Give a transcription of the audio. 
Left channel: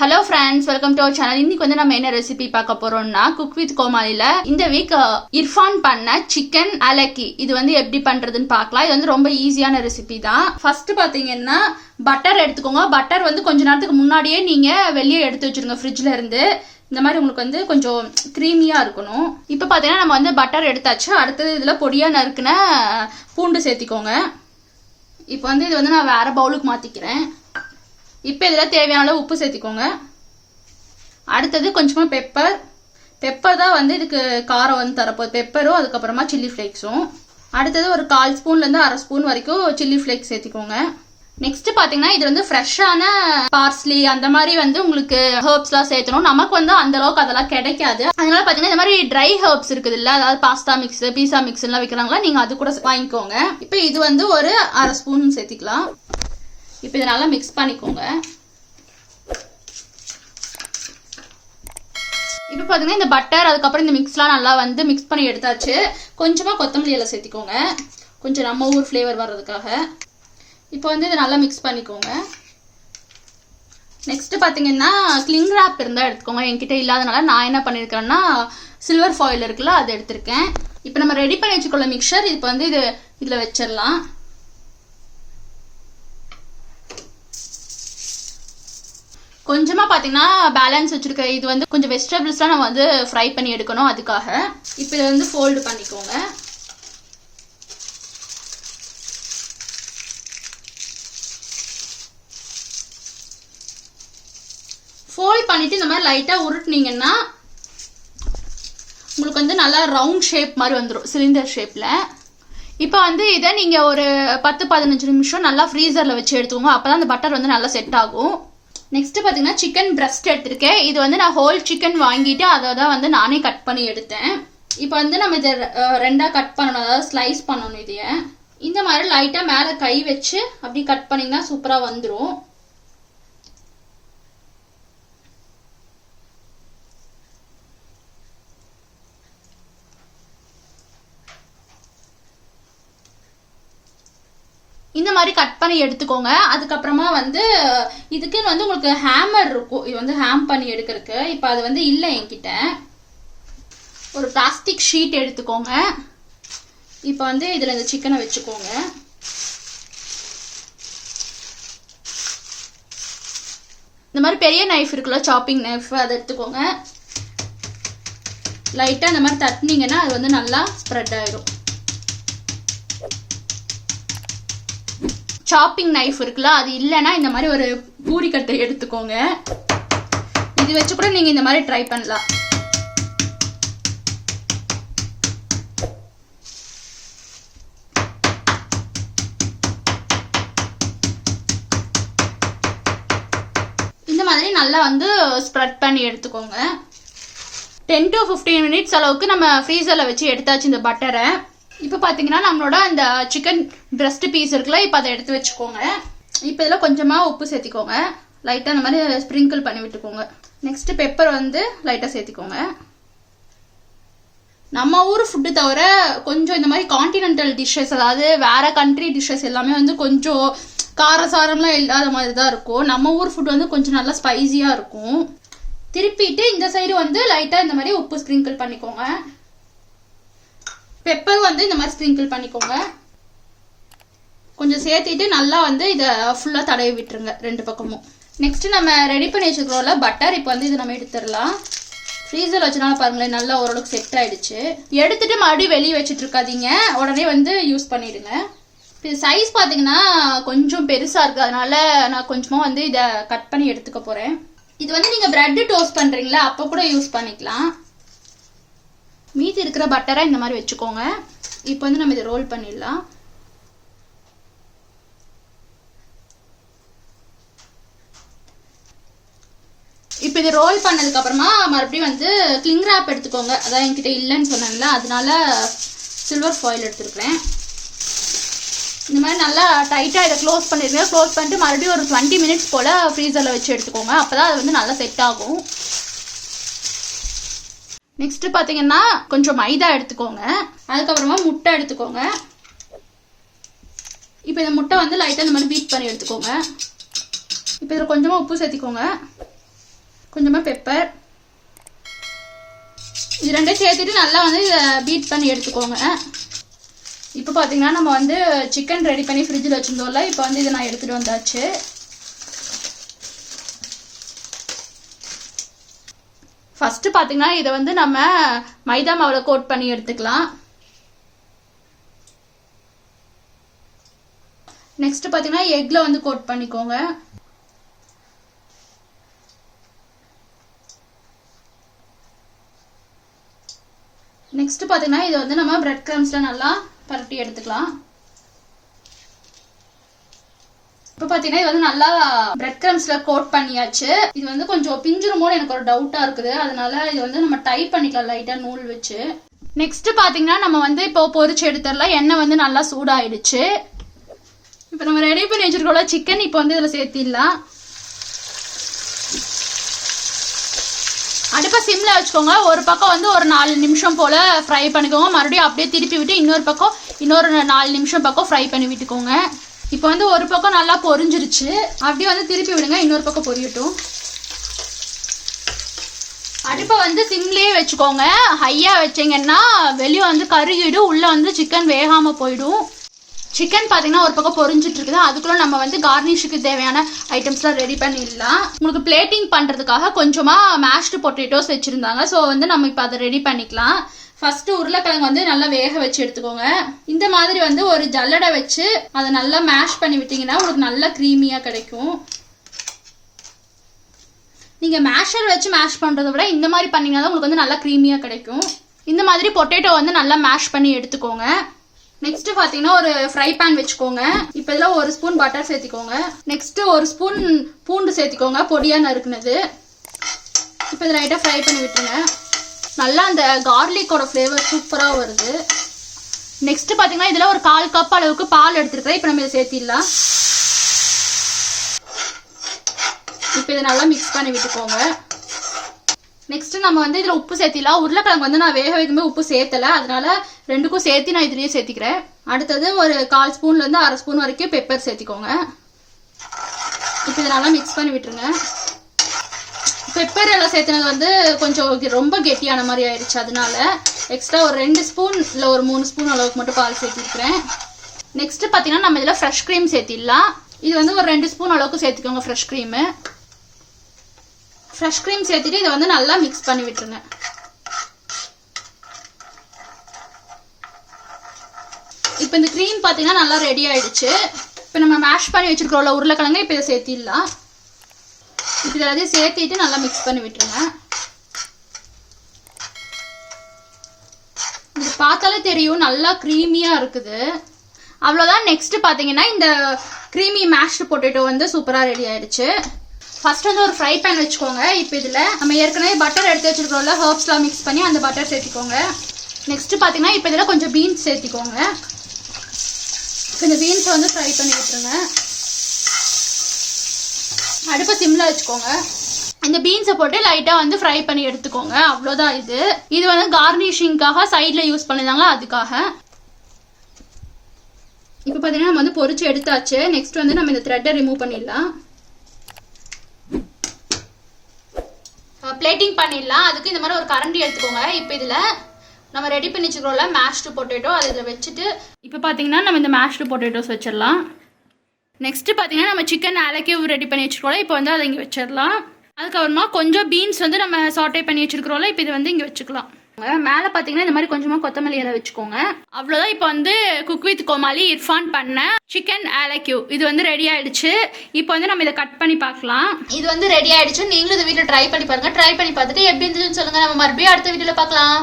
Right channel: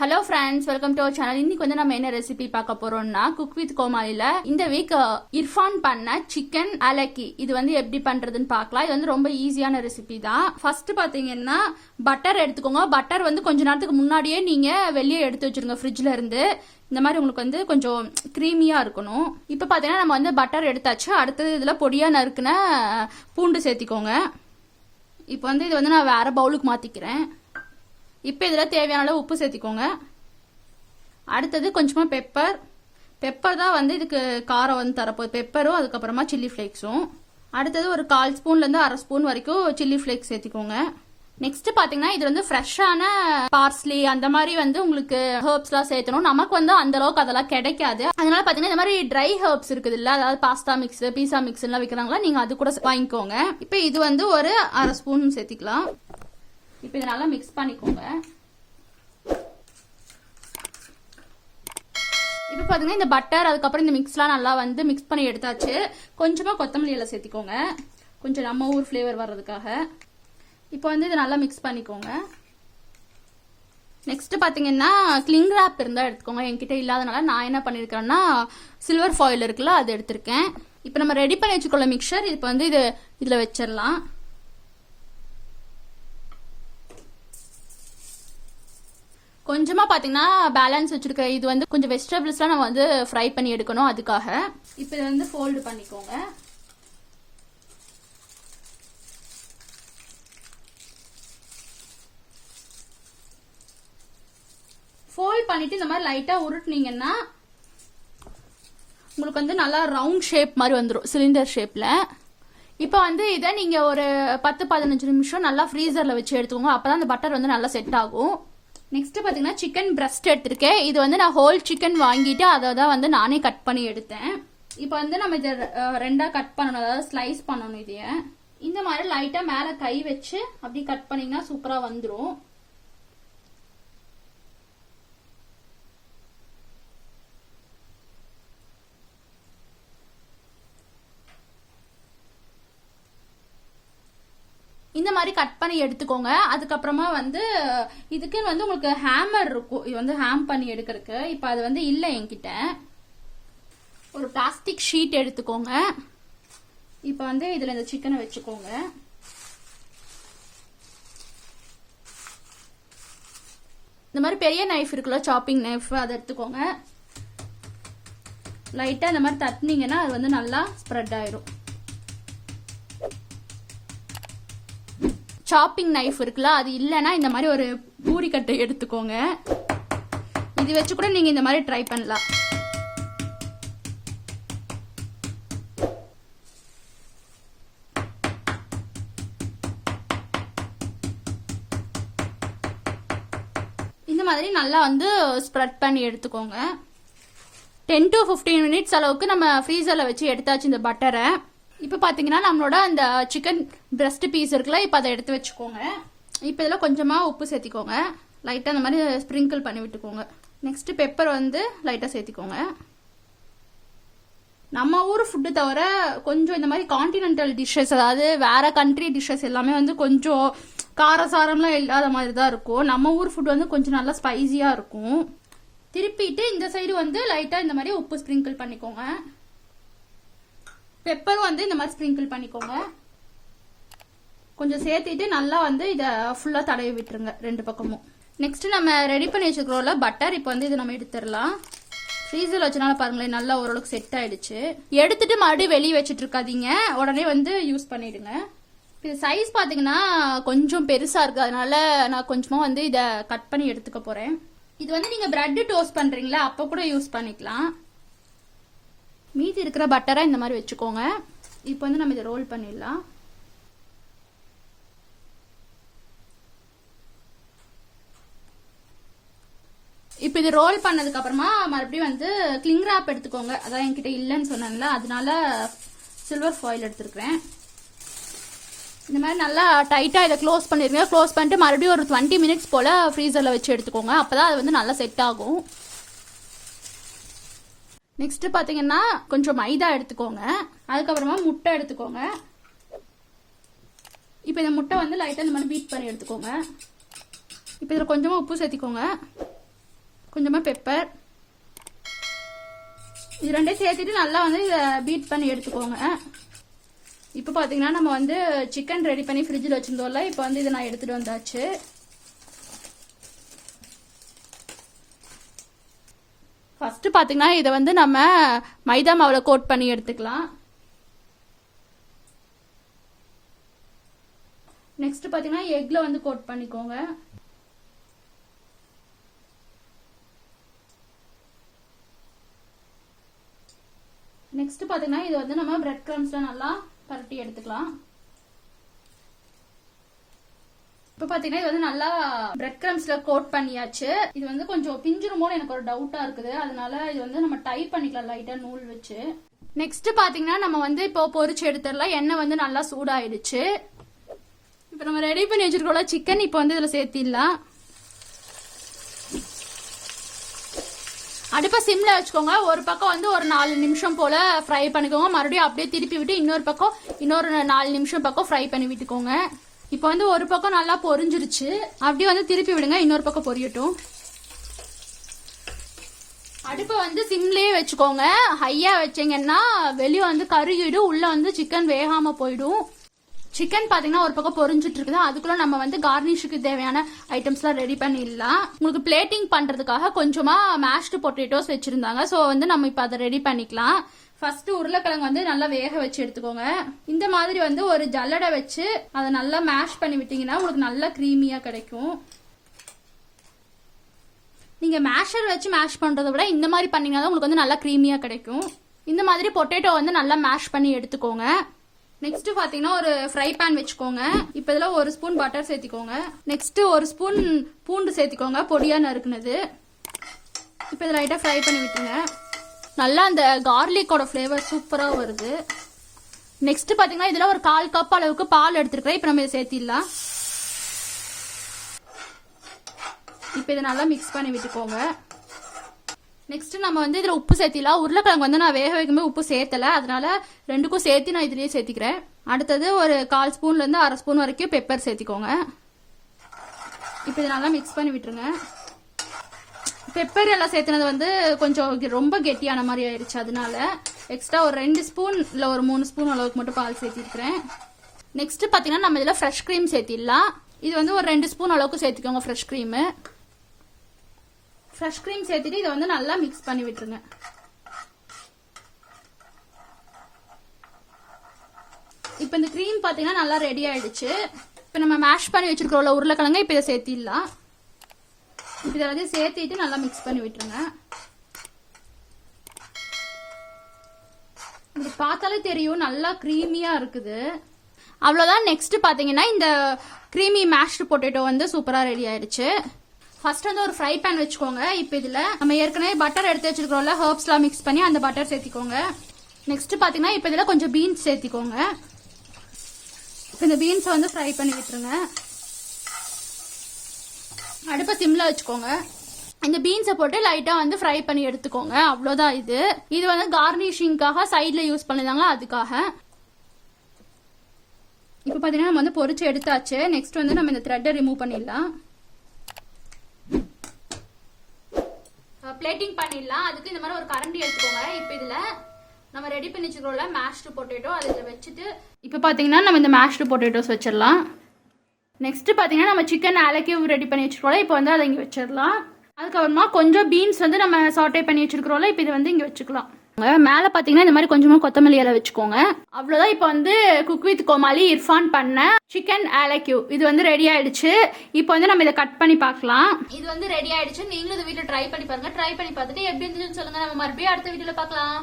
Hello friends, welcome to our channel. இன்னைக்கு வந்து நம்ம என்ன ரெசிபி பார்க்க போறோம்னா குக் வித் கோமாளில இந்த வீக் இர்ஃபான் பண்ண சிக்கன் அலக்கி இது வந்து எப்படி பண்றதுன்னு பார்க்கலாம். இது வந்து ரொம்ப ஈஸியான ரெசிபி தான். ஃபர்ஸ்ட் பாத்தீங்கன்னா பட்டர் எடுத்துக்கோங்க. பட்டர் வந்து கொஞ்ச நேரத்துக்கு முன்னாடியே நீங்க வெளியே எடுத்து வச்சிருங்க ஃப்ரிட்ஜ்ல இருந்து. இந்த மாதிரி உங்களுக்கு வந்து கொஞ்சம் க்ரீமியா இருக்கணும். இப்போ பார்த்தீங்கன்னா நம்ம வந்து பட்டர் எடுத்தாச்சு. அடுத்தது இதில் பொடியா நறுக்குன பூண்டு சேர்த்திக்கோங்க. இப்போ வந்து இது வந்து நான் வேற பவுலுக்கு மாத்திக்கிறேன். இப்போ இதில் தேவையான அளவு உப்பு சேர்த்திக்கோங்க. அடுத்தது கொஞ்சமாக பெப்பர் தான் வந்து இதுக்கு காரம் வந்து தரப்போகுது. பெப்பரும் அதுக்கப்புறமா சில்லி ஃப்ளேக்ஸும். அடுத்தது ஒரு 1/4 ஸ்பூன்லேருந்து 1/2 ஸ்பூன் வரைக்கும் சில்லி ஃப்ளேக்ஸ் சேர்த்திக்கோங்க. நெக்ஸ்ட் பார்த்தீங்கன்னா இது வந்து ஃப்ரெஷ்ஷான பார்ஸ்லி அந்த மாதிரி வந்து உங்களுக்கு ஹர்ப்ஸ்லாம் சேர்த்தணும். நமக்கு வந்து அந்த அளவுக்கு அதெல்லாம் கிடைக்காது. அதனால பார்த்தீங்கன்னா இந்த மாதிரி ட்ரை ஹர்ப்ஸ் இருக்குது இல்லை, அதாவது பாஸ்தா மிக்ஸ், பீஸா மிக்ஸ் எல்லாம் விற்கிறாங்களா, நீங்கள் அது கூட வாங்கிக்கோங்க. இப்போ இது வந்து ஒரு 1/2 ஸ்பூன் சேர்த்திக்கலாம். இப்போ இதை நல்லா மிக்ஸ் பண்ணிக்கோங்க. இப்போ பார்த்தீங்கன்னா இந்த பட்டர் அதுக்கப்புறம் இந்த மிக்ஸ்லாம் நல்லா வந்து மிக்ஸ் பண்ணி எடுத்தாச்சு. கொஞ்சமாக கொத்தமல்லி எல்லாம் சேர்த்திக்கோங்க, கொஞ்சம் நம்ம ஊர் ஃப்ளேவர் வர்றதுக்காக. இப்போ வந்து இதை நல்லா மிக்ஸ் பண்ணிக்கோங்க. நெக்ஸ்ட் பார்த்தீங்கன்னா கிளிங் ராப் இருந்தால் எடுத்துக்கோங்க. என்கிட்ட இல்லாதனால நான் என்ன பண்ணியிருக்கேன்னா சில்வர் ஃபாயில் இருக்குல்ல, அது எடுத்திருக்கேன். இப்போ நம்ம ரெடி பண்ணி வச்சுக்கொள்ள மிக்சர் இப்போ வந்து இதில் வச்சிடலாம். கொஞ்சமா பாத்தீங்கன்னா பேலன்ஸ் வச்சிருக்க இது வந்து கொஞ்சம் வெஜிடபிள்ஸ்லாம் நம்ம வந்து ஃப்ரை பண்ணி எடுக்கணும். அதுக்காக இப்போ இதை வந்து ஃபோல்டு பண்ணிக்கோங்க. ஃபோல்ட் பண்ணிட்டு இந்த மாதிரி லைட்டா உருட்டுனீங்கன்னா உங்களுக்கு வந்து நல்லா ரவுண்ட் ஷேப் மாதிரி வந்துடும், சிலிண்டர் ஷேப்ல. இப்போ வந்து இதை நீங்க ஒரு 10-15 நிமிஷம் நல்லா ஃப்ரீசர்ல வச்சு எடுத்துக்கோங்க. அப்பதான் அந்த பட்டர் வந்து நல்லா செட் ஆகும். நெக்ஸ்ட் பார்த்தீங்கன்னா சிக்கன் பிரஸ்ட் எடுத்திருக்கேன். இது வந்து நான் ஹோல் சிக்கன் வாங்கிட்டு அதை தான் வந்து நானே கட் பண்ணி எடுத்தேன். இப்போ வந்து நம்ம இதை ரெண்டாக கட் பண்ணணும், அதாவது ஸ்லைஸ் பண்ணணும். இதைய இந்த மாதிரி லைட்டாக மேலே கை வச்சு அப்படி கட் பண்ணிங்கன்னா சூப்பராக வந்துடும். இந்த மாதிரி கட் பண்ணி எடுத்துக்கோங்க. அதுக்கப்புறமா வந்து இதுக்கு வந்து உங்களுக்கு ஹேமர் இருக்கும், இது வந்து ஹேம் பண்ணி எடுக்கிறதுக்கு. இப்போ அது வந்து இல்லை என்கிட்ட. ஒரு பிளாஸ்டிக் ஷீட் எடுத்துக்கோங்க. இப்போ வந்து இதில் இந்த சிக்கனை வச்சுக்கோங்க. இந்த மாதிரி பெரிய நைஃப் இருக்குல்ல, சாப்பிங் நைஃப், அதை எடுத்துக்கோங்க. லைட்டாக இந்த மாதிரி தட்டினீங்கன்னா அது வந்து நல்லா ஸ்ப்ரெட் ஆயிடும். சாப்பிங் நைஃப் இருக்குல்ல, அது இல்லைன்னா இந்த மாதிரி ஒரு பூரிக்கட்டை எடுத்துக்கோங்க. இது வச்சு கூட நீங்க இந்த மாதிரி ட்ரை பண்ணலாம். இந்த மாதிரி நல்லா வந்து ஸ்ப்ரெட் பண்ணி எடுத்துக்கோங்க. 10 to 15 மினிட்ஸ் அளவுக்கு நம்ம ஃப்ரீசர்ல வச்சு எடுத்தாச்சு இந்த பட்டரை. இப்போ பார்த்தீங்கன்னா நம்மளோட அந்த சிக்கன் பிரஸ்ட் பீஸ் இருக்குல்ல, இப்போ அதை எடுத்து வச்சுக்கோங்க. இப்போ இதில் கொஞ்சமாக உப்பு சேர்த்திக்கோங்க. லைட்டாக அந்த மாதிரி ஸ்ப்ரிங்கிள் பண்ணி விட்டுக்கோங்க. நெக்ஸ்ட் பெப்பர் வந்து லைட்டாக சேர்த்திக்கோங்க. நம்ம ஊர் ஃபுட்டு தவிர கொஞ்சம் இந்த மாதிரி கான்டினென்டல் டிஷ்ஷஸ், அதாவது வேற கண்ட்ரி டிஷ்ஷஸ் எல்லாமே வந்து கொஞ்சம் காரசாரம்லாம் இல்லாத மாதிரி தான் இருக்கும். நம்ம ஊர் ஃபுட் வந்து கொஞ்சம் நல்லா ஸ்பைசியாக இருக்கும். திருப்பிட்டு இந்த சைடு வந்து லைட்டாக இந்த மாதிரி உப்பு ஸ்ப்ரிங்கிள் பண்ணிக்கோங்க. பெப்பர் வந்து இந்த மாதிரி ஸ்ப்ரிங்கிள் பண்ணிக்கோங்க. கொஞ்சம் சேர்த்திட்டு நல்லா வந்து இதை ஃபுல்லாக தடவி விட்டுருங்க ரெண்டு பக்கமும். நெக்ஸ்ட் நம்ம ரெடி பண்ணி வச்சுக்கிறோம்ல பட்டர், இப்போ வந்து இதை நம்ம எடுத்துடலாம். ஃப்ரீசர் வச்சனால பாருங்களேன் நல்லா ஓரளவுக்கு செட் ஆயிடுச்சு. எடுத்துட்டு மறுபடியும் வெளியே வச்சுட்டு இருக்காதீங்க, உடனே வந்து யூஸ் பண்ணிடுங்க. இது சைஸ் பார்த்தீங்கன்னா கொஞ்சம் பெருசாக இருக்குது, அதனால நான் கொஞ்சமாக வந்து இதை கட் பண்ணி எடுத்துக்க போகிறேன். இது வந்து நீங்கள் பிரெட் டோஸ்ட் பண்ணுறீங்களா, அப்போ கூட யூஸ் பண்ணிக்கலாம். மீதி இருக்கிற பட்டரை இந்த மாதிரி வச்சுக்கோங்க. இப்போ வந்து நம்ம இதை ரோல் பண்ணிடலாம். இப்போ இது ரோல் பண்ணதுக்கு அப்புறமா மறுபடியும் வந்து கிளிங் ராப் எடுத்துக்கோங்க. அதான் என்கிட்ட இல்லைன்னு சொன்னாங்களா, அதனால சில்வர் ஃபாயில் எடுத்துருக்கேன். இந்த மாதிரி நல்லா டைட்டாக இதை க்ளோஸ் பண்ணிடுங்க. க்ளோஸ் பண்ணிட்டு மறுபடியும் ஒரு 20 மினிட்ஸ் போல் ஃப்ரீசரில் வச்சு எடுத்துக்கோங்க. அப்போ தான் அது வந்து நல்லா செட் ஆகும். நெக்ஸ்ட் பார்த்தீங்கன்னா கொஞ்சம் மைதா எடுத்துக்கோங்க. அதுக்கப்புறமா முட்டை எடுத்துக்கோங்க. இப்போ இந்த முட்டை வந்து லைட்டாக இந்த மாதிரி பீட் பண்ணி எடுத்துக்கோங்க. இப்போ இதில் கொஞ்சமாக உப்பு சேர்த்திக்கோங்க. கொஞ்சமாக பெப்பர். இது ரெண்டையும் சேர்த்துட்டு நல்லா வந்து இதை பீட் பண்ணி எடுத்துக்கோங்க. இப்போ பார்த்தீங்கன்னா நம்ம வந்து சிக்கன் ரெடி பண்ணி ஃப்ரிட்ஜில் வச்சுருந்தோம்ல, இப்போ வந்து இதை நான் எடுத்துகிட்டு வந்தாச்சு. ஃபஸ்ட்டு பார்த்தீங்கன்னா இதை வந்து நம்ம மைதா மாவில் கோட் பண்ணி எடுத்துக்கலாம். நெக்ஸ்ட் பார்த்தீங்கன்னா எக்கில் வந்து கோட் பண்ணிக்கோங்க. நெக்ஸ்ட் பார்த்தீங்கன்னா இதை வந்து நம்ம பிரெட் கிரம்ஸில் நல்லா பரட்டி எடுத்துக்கலாம். இப்போ பார்த்தீங்கன்னா இது வந்து நல்லா பிரெட் கிரம்ஸில் கோட் பண்ணியாச்சு. இது வந்து கொஞ்சம் பிஞ்சிருமோன்னு எனக்கு ஒரு டவுட்டாக இருக்குது, அதனால இது வந்து நம்ம டைப் பண்ணிக்கலாம் லைட்டாக நூல் வச்சு. நெக்ஸ்ட் பார்த்தீங்கன்னா நம்ம வந்து இப்போ பொரிச்சு எடுத்துடலாம். எண்ணெய் வந்து நல்லா சூடாயிடுச்சு. இப்போ நம்ம ரெடி பண்ணி வச்சிருக்கோம்ல சிக்கன், இப்போ வந்து இதில் சேர்த்திடலாம். அடுப்பை சிம்மில் வச்சுக்கோங்க. ஒரு பக்கம் வந்து ஒரு 4 நிமிஷம் போல் ஃப்ரை பண்ணிக்கோங்க. மறுபடியும் அப்படியே திருப்பி விட்டு இன்னொரு 4 நிமிஷம் பக்கம் ஃப்ரை பண்ணி விட்டுக்கோங்க. இப்போ வந்து ஒரு பக்கம் நல்லா பொரிஞ்சிருச்சு. அப்படியே வந்து திருப்பி விடுங்க, இன்னொரு பக்கம் பொரியட்டும். அடுப்பை வந்து சிம்லேயே வச்சுக்கோங்க. ஹையாக வச்சிங்கன்னா வெளியே வந்து கருகிடும், உள்ளே வந்து சிக்கன் வேகாமல் போயிடும். சிக்கன் பார்த்தீங்கன்னா ஒரு பக்கம் பொரிஞ்சிட்டு இருக்குது. அதுக்குள்ள நம்ம வந்து கார்னிஷுக்கு தேவையான ஐட்டம்ஸ்லாம் ரெடி பண்ணிடலாம். உங்களுக்கு பிளேட்டிங் பண்ணுறதுக்காக கொஞ்சமாக மேஷ்டு பொட்டேட்டோஸ் வச்சுருந்தாங்க. ஸோ வந்து நம்ம இப்போ அதை ரெடி பண்ணிக்கலாம். ஃபஸ்ட்டு உருளைக்கிழங்கு வந்து நல்லா வேக வச்சு எடுத்துக்கோங்க. இந்த மாதிரி வந்து ஒரு ஜல்லடை வச்சு அதை நல்லா மேஷ் பண்ணி விட்டிங்கன்னா உங்களுக்கு நல்லா க்ரீமியாக கிடைக்கும். நீங்கள் மேஷர் வச்சு மேஷ் பண்ணுறதை விட இந்த மாதிரி பண்ணிங்கன்னா தான் உங்களுக்கு வந்து நல்லா க்ரீமியாக கிடைக்கும். இந்த மாதிரி பொட்டேட்டோ வந்து நல்லா மேஷ் பண்ணி எடுத்துக்கோங்க. நெக்ஸ்ட் பார்த்தீங்கன்னா ஒரு ஃப்ரை பேன் வச்சுக்கோங்க. இப்போ இதில் 1 ஸ்பூன் பட்டர் சேர்த்திக்கோங்க. நெக்ஸ்ட்டு 1 ஸ்பூன் பூண்டு சேர்த்திக்கோங்க, பொடியாக நறுக்குனது. இப்போ இதை லைட்டாக ஃப்ரை பண்ணி விட்டுருங்க. நல்லா அந்த கார்லிக்கோட ஃப்ளேவர் சூப்பராக வருது. நெக்ஸ்ட்டு பார்த்தீங்கன்னா இதில் ஒரு 1/4 கப் அளவுக்கு பால் எடுத்துருக்கேன். இப்போ நம்ம இதை சேர்த்திடலாம். இப்போ இதை நல்லா மிக்ஸ் பண்ணி விட்டுக்கோங்க. நெக்ஸ்ட் நம்ம வந்து இதில் உப்பு சேர்த்திடலாம். உருளைக்கிழங்கு வந்து நான் வேக வைக்கும்போது உப்பு சேர்த்தலை, அதனால 2க்கும் சேர்த்து நான் இதுலேயே சேர்த்திக்கிறேன். அடுத்தது ஒரு 1/4 ஸ்பூன்லேருந்து 1/2 ஸ்பூன் வரைக்கும் பெப்பர் சேர்த்திக்கோங்க. இப்போ இதை நல்லா மிக்ஸ் பண்ணி விட்டுருங்க. பெப்பர் எல்லாம் சேர்த்துனது வந்து கொஞ்சம் ரொம்ப கெட்டியான மாதிரி ஆயிடுச்சு, அதனால எக்ஸ்ட்ரா ஒரு 2 ஸ்பூன் இல்லை ஒரு 3 ஸ்பூன் அளவுக்கு மட்டும் பால் சேர்த்திருக்கிறேன். நெக்ஸ்ட் பார்த்தீங்கன்னா நம்ம இதில் ஃப்ரெஷ் க்ரீம் சேர்த்திடலாம். இது வந்து ஒரு 2 ஸ்பூன் அளவுக்கு சேர்த்துக்கோங்க ஃப்ரெஷ் க்ரீமு. ஃப்ரெஷ் க்ரீம் சேர்த்துட்டு இதை வந்து நல்லா மிக்ஸ் பண்ணி விட்டுருங்க. இப்போ இந்த க்ரீம் பார்த்தீங்கன்னா நல்லா ரெடி ஆயிடுச்சு. இப்போ நம்ம மேஷ் பண்ணி வச்சிருக்கிறோம்ல உருளைக்கிழங்கு, இப்போ இதை சேர்த்திடலாம். இப்போ எல்லாத்தையும் சேர்த்திட்டு நல்லா மிக்ஸ் பண்ணி விட்டுருங்க. இது பார்த்தாலே தெரியும் நல்லா க்ரீமியாக இருக்குது. அவ்வளோதான். நெக்ஸ்ட் பார்த்தீங்கன்னா இந்த க்ரீமி மேஷ்டு பொட்டேட்டோ வந்து சூப்பராக ரெடி ஆயிடுச்சு. ஃபர்ஸ்ட் வந்து ஒரு ஃப்ரை பேன் வச்சுக்கோங்க. இப்போ இதில் நம்ம ஏற்கனவே பட்டர் எடுத்து வச்சுருக்கோம்ல, ஹர்ப்ஸ்லாம் மிக்ஸ் பண்ணி அந்த பட்டர் சேர்த்திக்கோங்க. நெக்ஸ்ட் பார்த்தீங்கன்னா இப்போ இதில் கொஞ்சம் பீன்ஸ் சேர்த்திக்கோங்க. இந்த பீன்ஸை வந்து ஃப்ரை பண்ணி விட்டுருங்க. அடுப்பை சிம்மில் வச்சுக்கோங்க. இந்த பீன்ஸை போட்டு லைட்டாக வந்து ஃப்ரை பண்ணி எடுத்துக்கோங்க. அவ்வளோதான். இது வந்து கார்னிஷிங்காக சைடில் யூஸ் பண்ணிருந்தாங்களா, அதுக்காக. இப்போ பார்த்தீங்கன்னா நம்ம வந்து பொரிச்சு எடுத்தாச்சு. நெக்ஸ்ட் வந்து நம்ம இந்த த்ரெட்டை ரிமூவ் பண்ணிடலாம். பிளேட்டிங் பண்ணிடலாம். அதுக்கு இந்த மாதிரி ஒரு கரண்டி எடுத்துக்கோங்க. இப்போ இதில் நம்ம ரெடி பண்ணி வச்சுக்கிறோம்ல மேஷ்டு பொட்டேட்டோ, அதை இதில் வச்சுட்டு இப்போ பார்த்தீங்கன்னா நம்ம இந்த மேஷ்டு பொட்டேட்டோஸ் வச்சிடலாம். நெக்ஸ்ட்டு பார்த்தீங்கன்னா நம்ம சிக்கன் ஆலக்கியூ ரெடி பண்ணி வச்சுருக்கோம்ல, இப்போ வந்து அதை இங்கே வச்சிடலாம். அதுக்கப்புறமா கொஞ்சம் பீன்ஸ் வந்து நம்ம சாட்டே பண்ணி வச்சுருக்கிறோம்ல, இப்போ இதை வந்து இங்கே வச்சுக்கலாம். மேலே பார்த்தீங்கன்னா இந்த மாதிரி கொஞ்சமாக கொத்தமல்லி இலை வச்சுக்கோங்க. அவ்வளோதான். இப்போ வந்து குக் வித் கோமாளி இர்ஃபான் பண்ண சிக்கன் ஆலக்கியூ இது வந்து ரெடி ஆயிடுச்சு. இப்போ வந்து நம்ம இதை கட் பண்ணி பார்க்கலாம். இது வந்து ரெடி ஆயிடுச்சு. நீங்களும் இந்த வீட்டில் ட்ரை பண்ணி பாருங்க. ட்ரை பண்ணி பார்த்துட்டு எப்படி இருந்துச்சுன்னு சொல்லுங்க. நம்ம மறுபடியும் அடுத்த வீடியோவில் பார்க்கலாம்.